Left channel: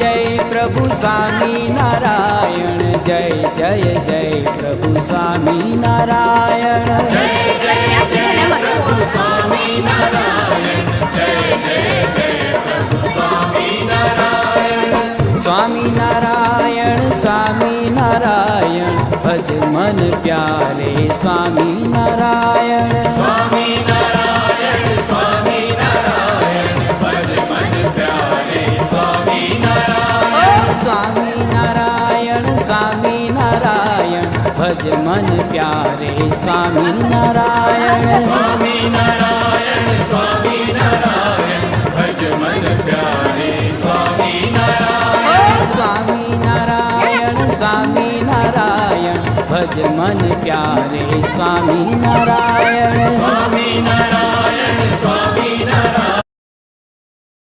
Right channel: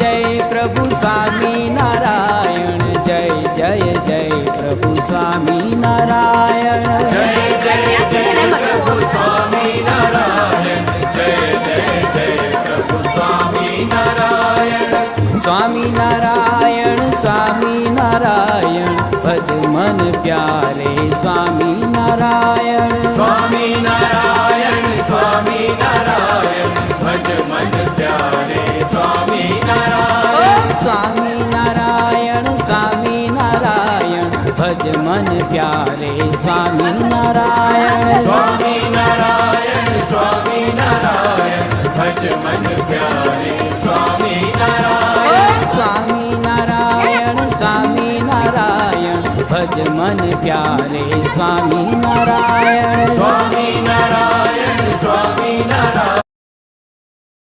जय प्रभु स्वामी नारायण। जय जय जय प्रभु स्वामी नारायण। स्वामी नारायण स्वामी नारायण भज मन प्यारे स्वामी नारायण। स्वामी नारायण स्वामी नारायण भज मन प्यारे स्वामी नारायण। स्वामी नारायण स्वामी नारायण भज मन प्यारे स्वामी नारायण। स्वामी नारायण स्वामी नारायण भज मन प्यारे स्वामी नारायण। स्वामी नारायण स्वामी नारायण भज मन प्यारे स्वामी नारायण। स्वामी नारायण